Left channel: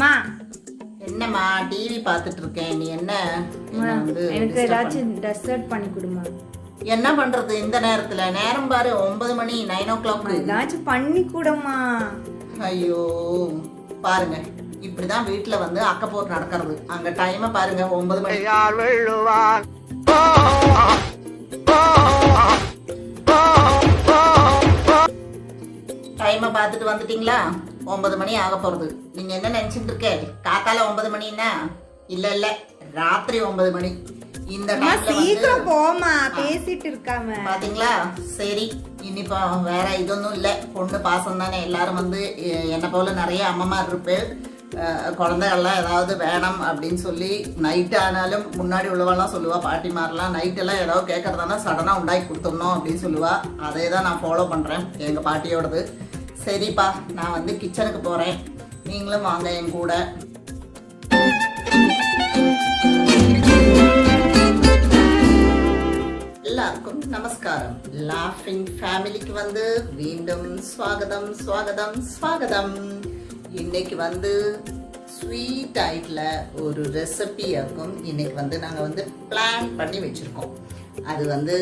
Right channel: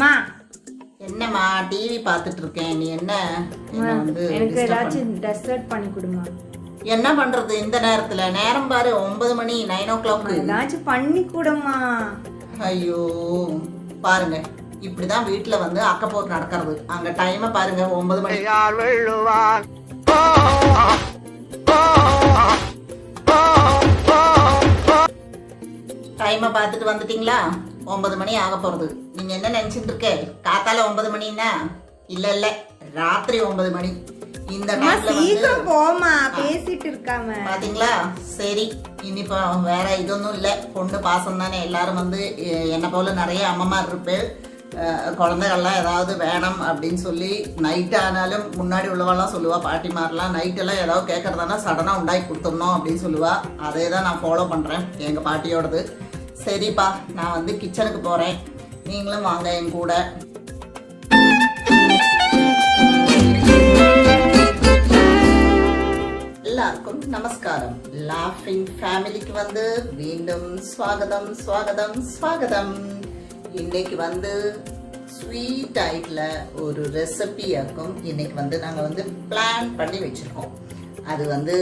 மா என்னம்மா டிவி பார்த்துட்டு இருக்கேன். நீ என்ன வந்து எனக்கு ஏதாச்சும் டெசர்ட் பண்ணி கொடுமா. என்ன பண்றது இந்த நேரத்துல? நேரம் பாரு 9 மணி, 9 o'clock. ஏதாச்சும் பண்ணி கொடுமா. ஐயோ பாருங்க, இப்படிதான் வீட்டுல வந்து அக்கப்போர் நடக்கிறது. அங்க டைமை பாருங்க 9 மணி. டைமை பார்த்துட்டு வந்துட்டீங்களா? 9 மணி ஆக போறது. நீங்க என்ன நினைச்சிட்டு இருக்க? காத்தால 9 மணின்னா இல்ல இல்ல, ராத்திரி 9 மணி. இந்த சீக்கிரம் போமா, பேசிட்டு இருக்காம பாத்தீங்களா? சரி, இனிப்பா வேற இதொன்னும் இல்ல, பொண்ணு பாசம் தானே. எல்லாரும் வந்து என்ன போல நிறைய அம்மமார் இருப்பேன். குழந்தைகள்லாம் ஏதாவது வேணும் அப்படின்னு சொல்லி நைட்டு ஆனாலும் முன்னாடி உள்ளவெல்லாம் சொல்லுவா, பாட்டிமாரெலாம் நைட்டெல்லாம் ஏதாவது கேட்கறதானா சடனாக உண்டாக்கி கொடுத்துடணும் அப்படின்னு சொல்லுவா. அதே தான் நான் ஃபாலோ பண்ணுறேன் எங்கள் பாட்டியோடது. சரிப்பா, நான் வந்து கிச்சனுக்கு போகிறேன், நீங்களும் வாங்க என் கூட. எல்லாருக்கும் நமஸ்காரம். லாஃபிங் ஃபேமிலிக்கு வந்து மீண்டும் ஸ்வாகதம் ஸ்வாகதம் ஸ்வாகதம். இன்னைக்கு வந்து ஸ்வீட் ஐட்டில் ஒரு ரெசிபி இருக்கும். இன்னைக்கு வந்து நாங்கள் வந்து பிளான் பண்ணி வச்சுருக்கோம். அது வந்து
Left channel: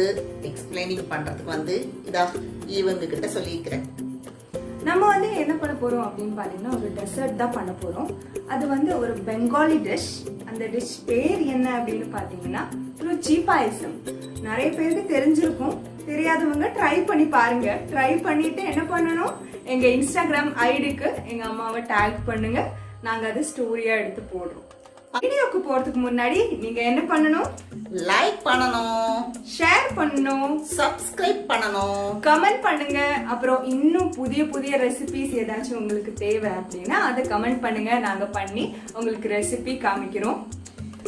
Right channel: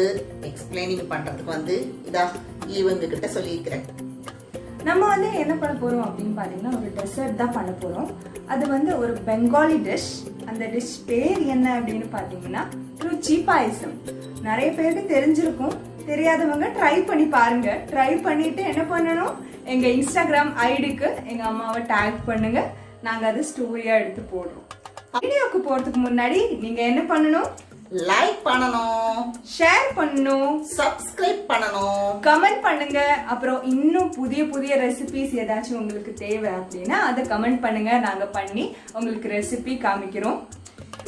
எக்ஸ்பிளைனிங் பண்ணுறதுக்கு வந்து இவங்க கிட்ட சொல்லியிருக்கிறேன். நம்ம வந்து என்ன பண்ண போகிறோம் அப்படின்னு பார்த்தீங்கன்னா, ஒரு டெசர்ட் தான் பண்ண போகிறோம். அது வந்து ஒரு பெங்காலி டிஷ். அந்த டிஷ் பேர் என்ன அப்படின்னு பார்த்தீங்கன்னா ருச்சி பாயசம். நிறைய பேருக்கு தெரிஞ்சிருக்கும், தெரியாதவங்க ட்ரை பண்ணி பாருங்க. ட்ரை பண்ணிட்டு என்ன பண்ணணும், எங்க இன்ஸ்டாகிராம் ஐடிக்கு எங்க அம்மாவை டேக் பண்ணுங்க. நாங்க அது ஸ்டோரியா எடுத்து போடுறோம். வீடியோக்கு போறதுக்கு முன்னாடி நீங்க என்ன பண்ணணும்? லைக் பண்ணணும், ஷேர் பண்ணணும், சப்ஸ்கிரைப் பண்ணணும், கமெண்ட் பண்ணுங்க. அப்புறம் இன்னும் புதிய புதிய ரெசிபிஸ் ஏதாச்சும் உங்களுக்கு தேவை அப்படின்னா அதை கமெண்ட் பண்ணுங்க. நாங்க பண்ணி உங்களுக்கு ரெசிபி காமிக்கிறோம்.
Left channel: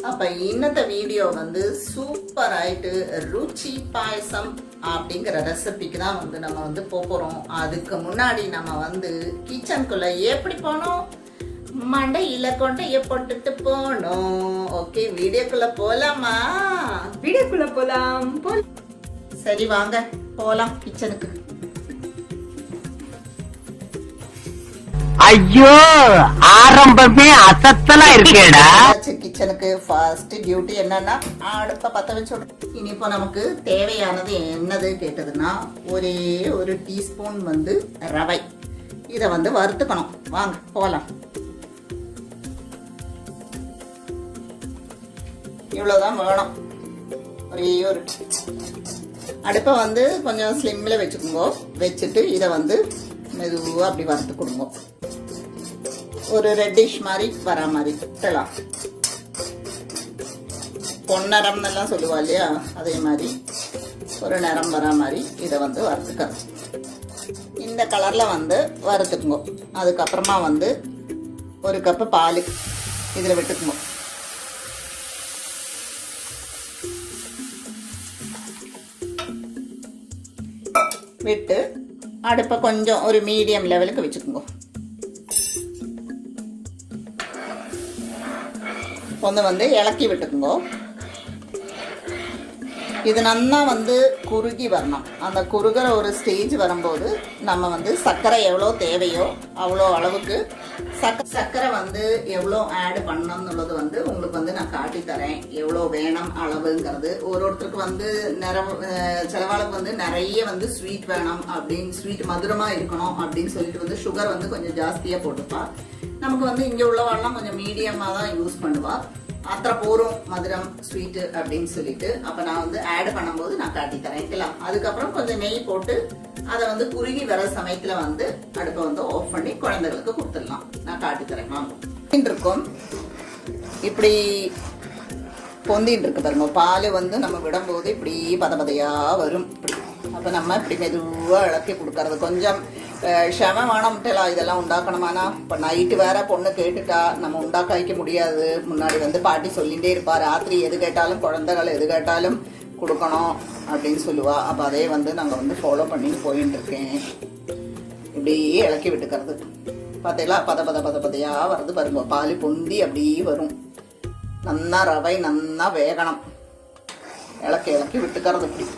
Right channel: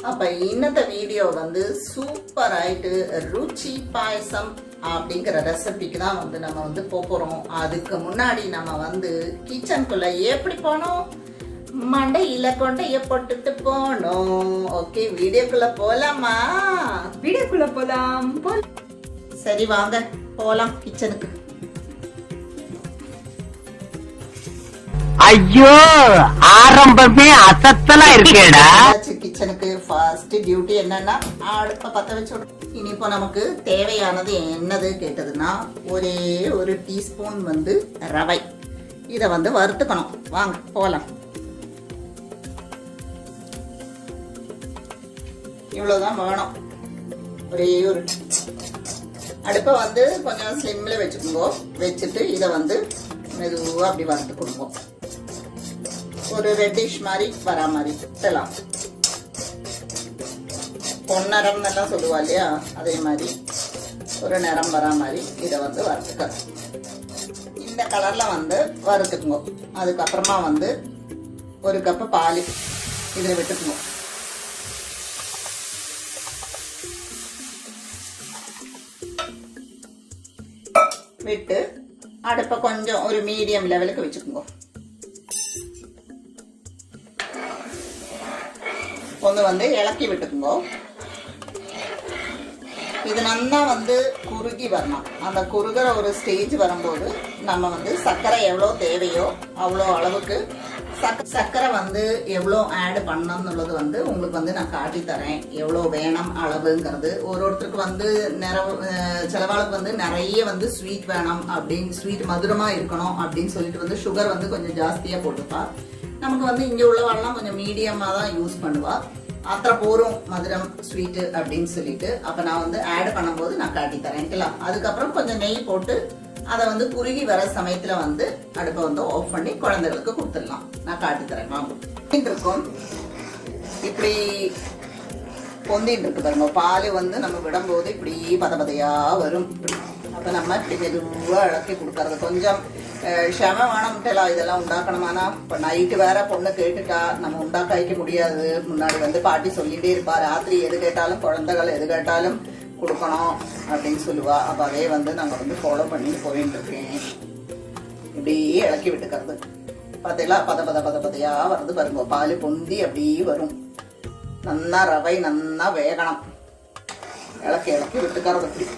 அப்ப இன்னத்த வீடியோ வந்து சூப்பர் ஆயிட்டு ருச்சி பாயசம் அப்படிங்கிற ரெசிபிக்கு தான் வந்து நம்ம வந்து போறோம். அதுக்கு முன்னாடி நம்ம வந்து கிச்சனுக்குள்ள எப்படி போனோம், மண்டையில கொண்டைய போட்டுட்டு போனோம். ஓகே, வீடியோக்குள்ள போலாமா? வீடியோக்குள்ள போலாம். சரி வாங்க போலாம் கிச்சனுக்கு. ஐயோ, ஆரம்பமே அசத்தலா இருக்கேடா. கிச்சனுக்கு ஃபர்ஸ்ட் டியூட்டி என்னன்னா அடுப்ப பத்த வச்சு. இனிப்போ நமக்கு தேவையானது என்னது கேட்டதுன்னா, ஒரே ஒரு டீஸ்பூன் வந்து ரவை. இதை வந்து வறுத்துக்கணும். வாங்க போலாம். இவ்வளவுதான் வேணும். ஒரே ஒரு அடுப்பை வந்து கொஞ்சம் ஸ்லிம்ல வச்சுக்கோங்க. வச்சுட்டு இதை வந்து மெதுவாக அப்படி வறுத்து கொடுங்க. ஒரு ரெட்டிஷ் மாதிரி வரா மாதிரி செல்லாம். பொன்னரம் எல்லாம் சொல்லுவா இல்லையா, அதே மாதிரி ஒரு நிறம் வரா மாதிரி இதை வந்து வறுத்துக்க. இந்த கலர்ல வந்து வறுத்துக்குங்க. அதுக்கப்புறமா வந்து ஒரு கப்பு பால் இதில் விட்டுக்குங்க. விட்டு அடுப்பை கொஞ்சம் ஒரு மீடியம் லெவலுக்கு வச்சுக்கோங்க. ஒன்று வந்து இலக்கி விட்டுக்குங்க. இது நல்லா வந்து குறுகி வரணும். அந்த குறுகிற ஒரு ஸ்டேஜ் வரும்போது நம்ம வந்து சர்க்கரை எவ்வளோ தேவையோ அவ்வளோ அளவுக்கு சர்க்கரை வந்து எவ்வளோ ஆட் பண்ணணும்னுள்ளது வந்து உங்களுக்கு வந்து நான் காட்டி தரேன். எவ்வளோ வேணும் அளவுங்கிறது. ஒருத்தருக்கு வந்து சிலவாளுக்கு வந்து நிறைய வந்து ஸ்வீட் வேணும் அப்படின்னு, ஸ்வீட் மதுரமாக இருக்கணும் அப்படின்னு சொல்லிட்டு வந்து சுகர் வந்து கொஞ்சம் ஜாஸ்தியாக போட்டுப்பா. நமக்கு வந்து இங்கே உள்ளவாள்லாம் கொஞ்சம் மீடியமாக தான் யூஸ் பண்ணுவா. அத்தனை போரும் மதுரம் ஸ்வீட்டு அப்படின்னு சொல்லிட்டு. அப்போ நான் வந்து ஆட் பண்ணும்போது நான் காட்டி தரேன். அதுக்கப்புறம் கொஞ்சம் நெய் போட்டு அதை வந்து குறுகி வர சமயத்தில் வந்து அடுப்பை வந்து ஆஃப் பண்ணி குழந்தைகளுக்கு கொடுத்துடலாம். நான் காட்டி தரேன் வாங்க. இருக்கும் இப்படி பொந்தின்னு இருக்கு பாருங்க. பால் வந்து நம்ம விடும்போது இப்படி பதபதையாக வரும். அப்போ நம்ம இப்படி மெதுவாக இழக்கி கொடுக்கறது. கொஞ்சம் க்ஷம வேணாம்ட்டலாம் இதெல்லாம் உண்டாக்கணுமானா. இப்போ நைட்டு வேற பொண்ணு கேட்டுட்டா, நம்ம உண்டாக்க வைக்க முடியாது. முன்னாடி வந்து பாட்டி சொல்லிகிட்டே இருப்பா, ராத்திரி எது கேட்டாலும் குழந்தைகள் எது கேட்டாலும் கொடுக்கணும் அப்படின்னு சொல்லுவா. அப்போ அதே வந்து நாங்கள் வந்து ஃபாலோ பண்ணி போயின்னு இருக்கேன். இப்படியே இலக்கி விட்டுக்கிறது. பார்த்தீங்களா, பதையாக வருது பாருங்க. பால் பொந்தி அப்படியே வரும். நல்லா ரவை நல்லா வேகணும். இலக்கி விட்டுக்கிறது இப்படி.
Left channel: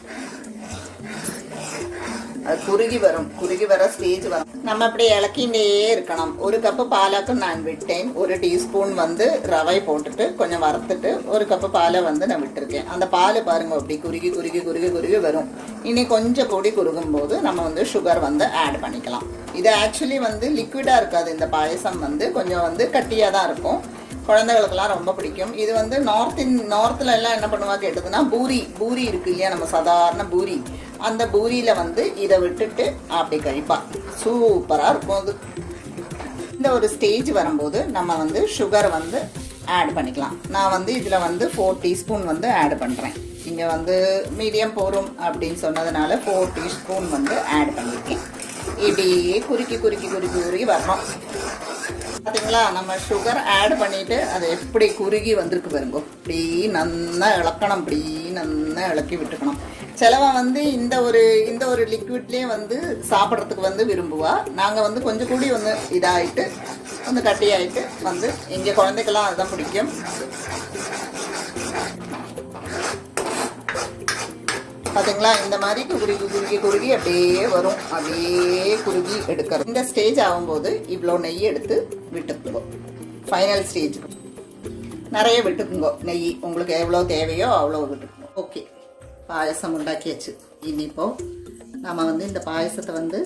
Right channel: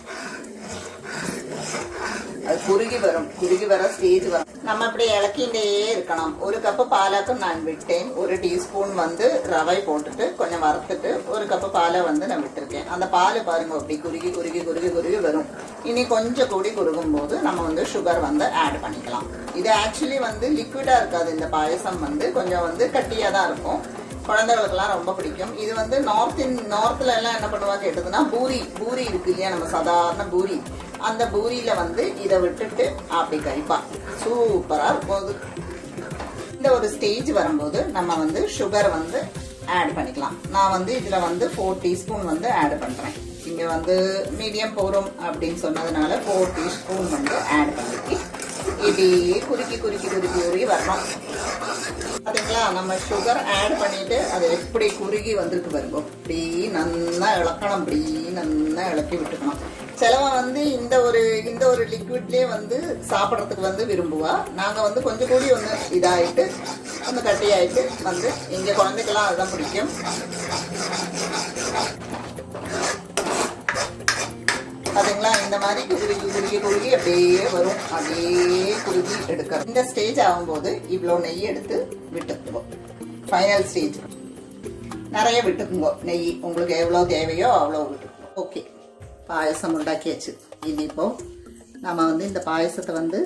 அது குறுகி வர ஸ்டேஜ் வரும். நம்ம அப்படி இலக்கிண்டே இருக்கணும். 1 கப்பு பாலாக்கு நான் விட்டேன். 1 டீஸ்பூன் வந்து ரவை போட்டுட்டு கொஞ்சம் வறுத்துட்டு 1 கப்பு பாலை வந்து நான் விட்டுருக்கேன். அந்த பால் பாருங்க அப்படி குறுகி வரும். இனி கொஞ்சம் கூடி குறுகும் போது நம்ம வந்து சுகர் வந்து ஆட் பண்ணிக்கலாம். இது ஆக்சுவலி வந்து லிக்விடாக இருக்காது. இந்த பாயசம் வந்து கொஞ்சம் வந்து கட்டியாக தான் இருக்கும். குழந்தைகளுக்கெல்லாம் ரொம்ப பிடிக்கும். இது வந்து நார்த்தில் எல்லாம் என்ன பண்ணுவா கேட்டதுன்னா பூரி இருக்கு இல்லையா, நம்ம சாதாரண பூரி, அந்த பூரியில் வந்து இதை விட்டுட்டு அப்படி கழிப்பா. சூப்பராக இருக்கும். அது இந்த ஒரு ஸ்டேஜ் வரும்போது நம்ம வந்து சுகர் வந்து ஆட் பண்ணிக்கலாம். நான் வந்து இதில் வந்து 4 டீஸ்பூன் வந்து ஆட் பண்ணுறேன். இங்கே வந்து மீடியம் போரும் அப்படின்னு சொன்னதுனால 4 டீஸ்பூன் வந்து ஆட் பண்ணிட்டு இப்படியே குறுக்கி வரணும். பார்த்தீங்களா, நம்ம சுகர் ஆட் பண்ணிட்டு அதை எப்படி குறுகி வந்திருக்கு பாருங்க. இப்படி நல்லா இளக்கணும், இப்படி நல்லா இளக்கி விட்டுக்கணும். சிலவன் வந்து இந்த ஒரு லிக்விட்லேயே வந்து சாப்பிட்றதுக்கு வந்து விரும்புவா. நாங்கள் வந்து கொஞ்சம் கூடி வந்து இதாகிட்டு கொஞ்சம் கட்டியாயிட்டு வந்து இங்கே குழந்தைக்கெல்லாம் அதுதான் பிடிக்கும். பார்த்தீங்களா, இந்த மாதிரி குறுகி அப்படியே வரும். அப்படியே குறுகி எடுக்கிறோம். இந்த ஸ்டேஜ் ஆகும்போது இவ்வளோ நெய் எடுத்து விட்டுக்குவோம். ஃபைனல் ஸ்டேஜ் நிறைய விட்டுக்குங்கோ. நெய் உங்களுக்கு எவ்வளோ தேவையோ அவ்வளோ விட்டுக்குவோம். ஓகே, பாயசம் உண்டாக்கியாச்சு. இனிப்போ நம்ம வந்து இந்த பாயசத்தை வந்து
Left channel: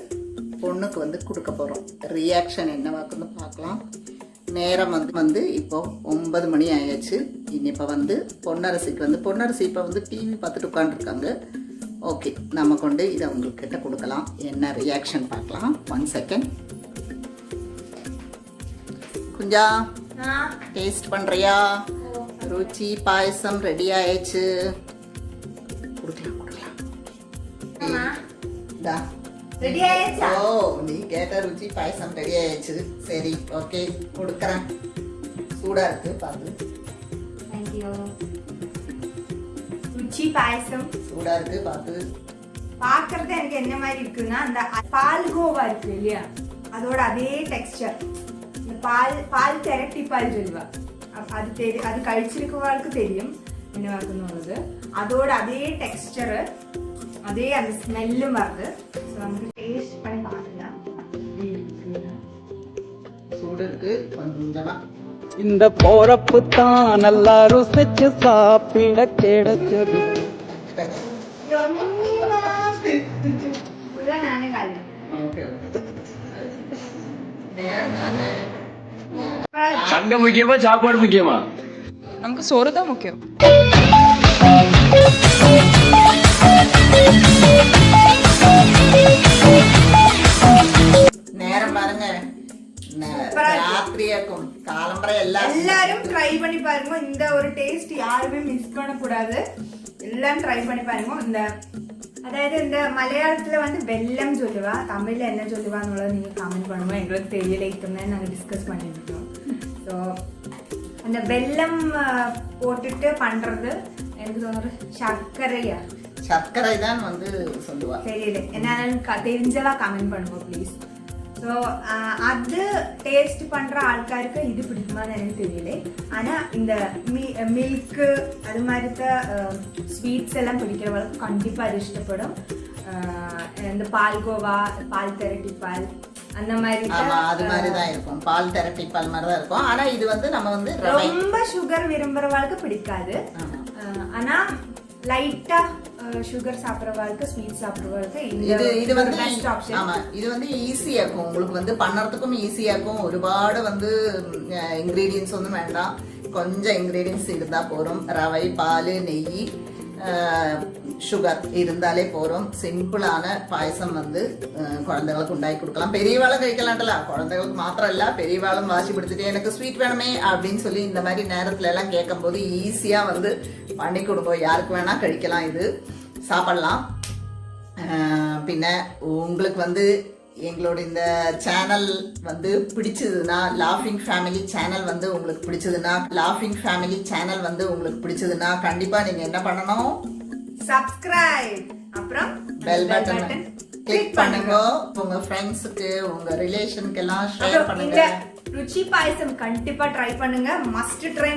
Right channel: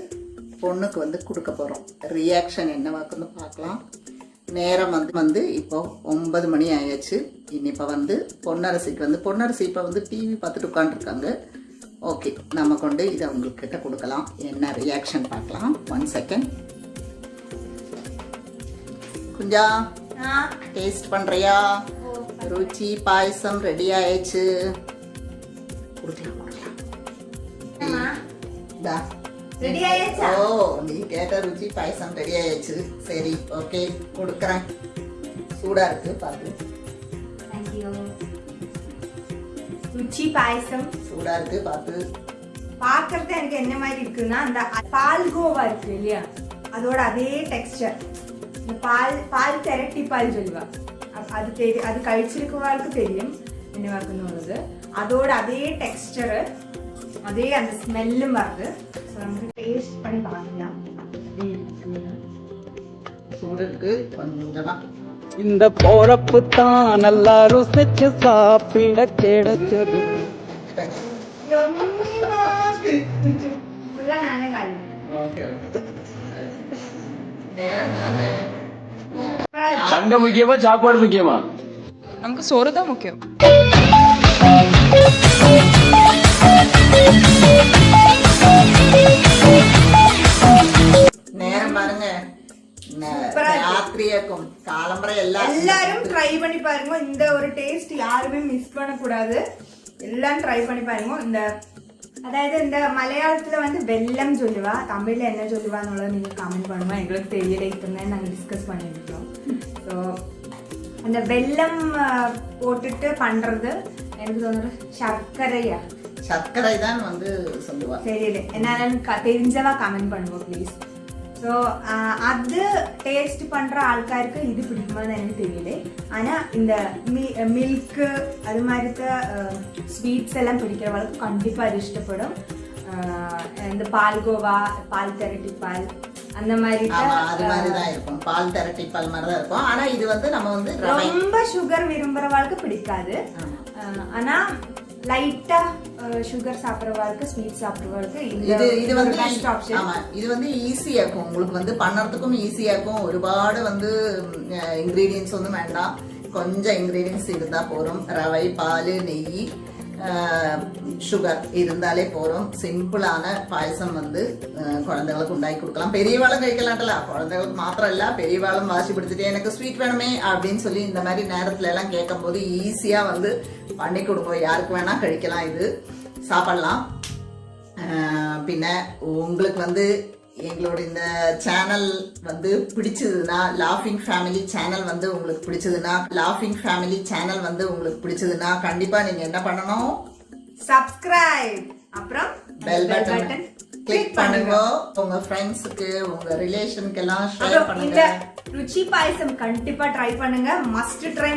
பொண்ணுக்கு வந்து கொடுக்க போகிறோம். ரியாக்ஷன் என்னவாக்குன்னு பார்க்கலாம். நேரம் வந்து இப்போ 9 மணி ஆயாச்சு. இப்போ வந்து பொன்னரசி இப்போ வந்து டிவி பார்த்துட்டு உட்காந்துருக்காங்க. ஓகே, நம்ம கொண்டு இதை உங்கள்கிட்ட கொடுக்கலாம். என்ன ரியாக்ஷன் பார்க்கலாம். 1 செகண்ட். குஞ்சா, டேஸ்ட் பண்ணுறியா? ருச்சி பாயசம் ரெடி ஆயிடுச்சு. கொடுக்கலாம். ஓ, நீ கேட்ட ருச்சி பாயசம் ரெடி ஆயிடுச்சு. சரி, ஓகே, கொடுக்குறேன். சூடா இருக்கு பாத்து. ருச்சி பாயசம் சூடா இருக்கு பாத்து. பார்க்கறது எனக்கு என்ன மாதிரி இருக்குன்னா, அந்த பால்கோவா இருக்கு இல்லையா, அதோட அதே டெக்ஸ்டர். இந்த பால் திரட்டி பால் சொல்லுவா, அது தெரியும். அது கழிச்சிருக்கவாளுக்கு தெரியும் என்னவாக்குன்னு. அதோட அதே டெக்ஸ்டரு, அதே அந்த ஸ்மெல்லும் வருது. ஸோ நமக்கு டேஸ்ட் பண்ணி பார்க்கலாம். சூடு இருக்கு கொஞ்சமா. இந்த போறப்பு தான் நல்லா ருசிச்சு சாப்பிட கிடைச்சது. சண்டை முக்கியமா சாப்பாடு முக்கியமா? நமக்கு சோறு தான் முக்கியம். நேரம் பாருங்க, ராத்திரியாக்கும் காலம்பரை எல்லாரும் ட்ரை பண்ணி பாருங்க. இந்த ஒரு டேஸ்ட் யாருமே மிஸ் பண்ணக்கூடாது. எல்லாம் ட்ரை பண்ணி பாருங்க. இந்த அதாவது இந்த மலையாளத்துல வந்து வெல்லம் சொல்லுவா, தமிழ்ல என்ன சொல்லுவான்னு நீங்க கமெண்ட் பண்ணுவோம். எங்களுக்கு தெரியல, இப்போதான் நாங்கள் டிஸ்கஸ் பண்ணிருக்கோம். ஸோ அந்த வெல்லம் போட்டுட்டு பண்றது எனக்கு தோணுறது சர்க்கரை தான் வந்து சொல்லுவா. தெரியல, என்னாலும் தெரிஞ்சவா கமெண்ட் பண்ணுவோம் ப்ளீஸ். ஸோ அது டேஸ்ட் பண்ணுற ஆள்காருக்கு இது பிடிக்குமான்னு எனக்கு தெரியல. ஆனால் இந்த மில்க்கு அது மாதிரி ஸ்வீட்ஸ் எல்லாம் பிடிக்கிறவங்களுக்கு கண்டிப்பாக அது இஷ்டப்படும். இந்த பால்கோவா, பால் திரட்டி பால், அந்த மாதிரி அது மாதிரி தான் இருக்கும். பால் திரட்டி பால் மாதிரி தான் இருக்கும். ஆனால் இது வந்து நம்ம வந்து ரொம்ப சுகர் விரும்புகிறவங்களுக்கு பிடிக்காது. ஆனால் லைட்டா சுகர் சாப்பிட்றவங்களுக்கு, ஸ்வீட் சாப்பிட்றவங்களுக்கு இது வந்து பெஸ்ட் ஆப்ஷன். ஆமா, இது வந்து ஈஸியா இருக்கும். உங்களுக்கு வந்து பண்ணுறதுக்கும் ஈஸியா இருக்கும். ஒருபாடு வந்து இன்கிரீடியன்ஸ் ஒன்றும் வேண்டாம். கொஞ்சம் இன்கிரீடியன்ஸ் இருந்தால் போதும். ரவை, பால், நெய், சுகர் இருந்தாலே போதும். சிம்பிளான பாயசம் வந்து குழந்தைகளுக்கு உண்டாக்கி கொடுக்கலாம். பெரியவாளும் കഴിக்கலாம்ல, குழந்தைகளுக்கு மாத்திரம் இல்லை, பெரியவாளும் வாசிப்படுத்திட்டு எனக்கு ஸ்வீட் வேணுமே அப்படின்னு சொல்லி இந்த மாதிரி நேரத்துல எல்லாம் கேட்கும் போது ஈஸியாக வந்து பண்ணி கொடுப்போம். யாருக்கு வேணா കഴിக்கலாம், இது சாப்பிடலாம். பின்ன உங்களுக்கு வந்து எங்களோட இந்த சேனல் வந்து பிடிச்சதுன்னா, லாஃபிங் ஃபேமிலி சேனல் வந்து உங்களுக்கு பிடிச்சதுன்னா கண்டிப்பா நீங்க என்ன பண்ணணும்? சப்ஸ்கிரைப், அப்புறம் பெல் பட்டன் கிளிக் பண்ணுங்க. உங்க ஃப்ரெண்ட்ஸுக்கு உங்க ரிலேஷனுக்கு எல்லாம் ஷேர் அப்புறம் பண்ணுங்க. இந்த ருச்சி பாயசம் கண்டிப்பா ட்ரை பண்ணுங்க. Must try.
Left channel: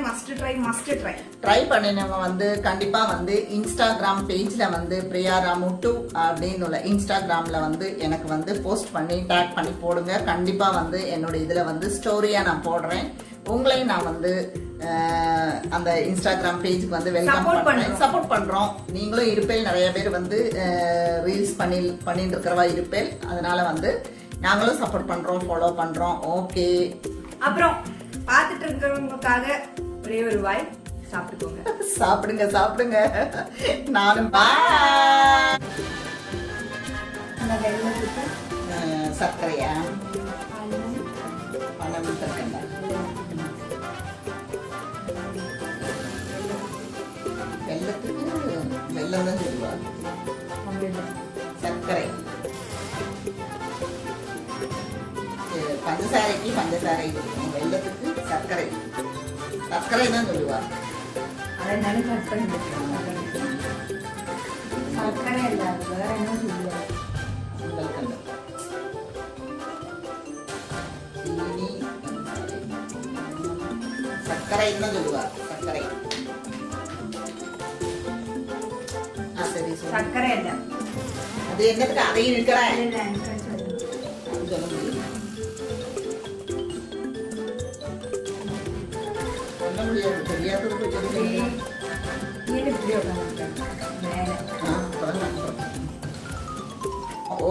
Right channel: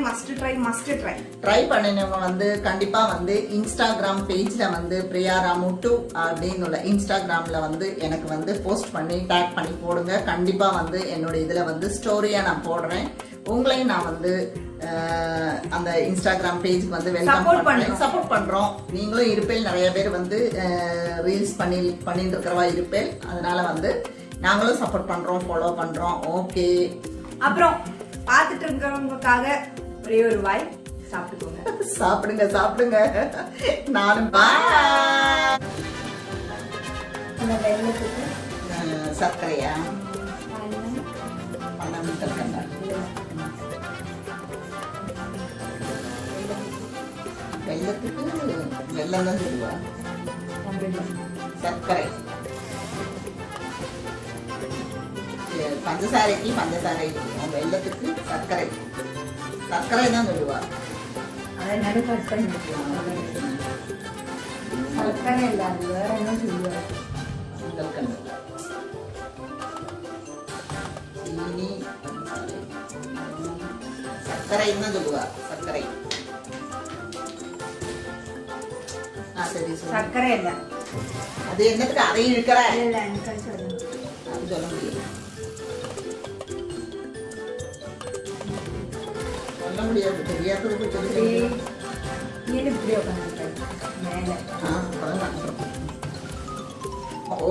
ட்ரை பண்ணினவங்க வந்து கண்டிப்பா வந்து இன்ஸ்டாகிராம் பேஜ்ல வந்து பிரியா ராமுட்டு அப்படின்னு உள்ள இன்ஸ்டாகிராம்ல வந்து எனக்கு வந்து போஸ்ட் பண்ணி டேக் பண்ணி போடுங்க. கண்டிப்பா வந்து என்னோட இதுல வந்து ஸ்டோரியா நான் போடுறேன். உங்களையும் நான் வந்து அந்த இன்ஸ்டாகிராம் பேஜுக்கு வந்து வெல்கம் பண்றேன், சப்போர்ட் பண்றோம். நீங்களும் இருப்பேன், நிறைய பேர் வந்து ரீல்ஸ் பண்ணிட்டு இருக்கிறவா இருப்பேன். அதனால வந்து நாங்களும் சப்போர்ட் பண்றோம், ஃபாலோ பண்றோம். ஓகே, அப்புறம் பார்த்துட்டு இருக்கிறவங்களுக்காக ஒரே ஒரு வாய் சாப்பிட்டுக்கோங்க. சாப்பிடுங்க. நானும் பாய். அந்த வெள்ளத்துக்கு சர்க்கரையா 12 இருக்கேன். வெள்ளத்துக்கு வெள்ளம் தான் சொல்லுவா. சர்க்கரை பஞ்சசாரைக்கு பஞ்சசாரை இருக்கும், வெள்ளத்துக்கு சர்க்கரை தான் சொல்லுவா. அதை நடு கட் பண்ணிக்கலாம். சர்க்கரை இல்லை, அது வேற என்ன சொல்லுவாங்க. சீனி சர்க்கரை தான் சொல்லுவா. சர்க்கரை சரி, சர்க்கரை இல்லை, அது என்னத்துக்கு அதையும் இருக்கிற இல்லை அது சொல்ல முடியும். சொல்ல முடியாது, தெரியாததுக்கு சொல்லி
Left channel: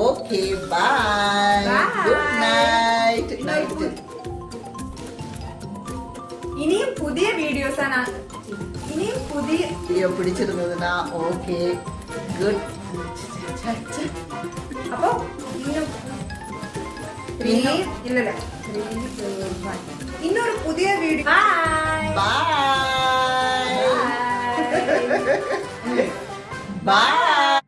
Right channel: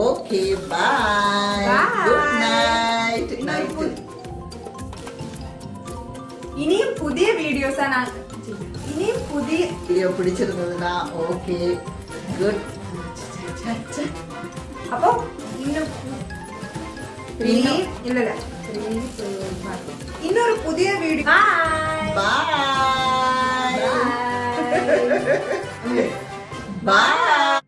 ஓகே, பாய், குட் நைட். இனியும் புதிய வீடியோஸா வீடியோ பிடிச்சிருந்ததுன்னா ஓகே, குட். அப்போ இன்னொரு புதிய வீடியோ. பாய். பாய்.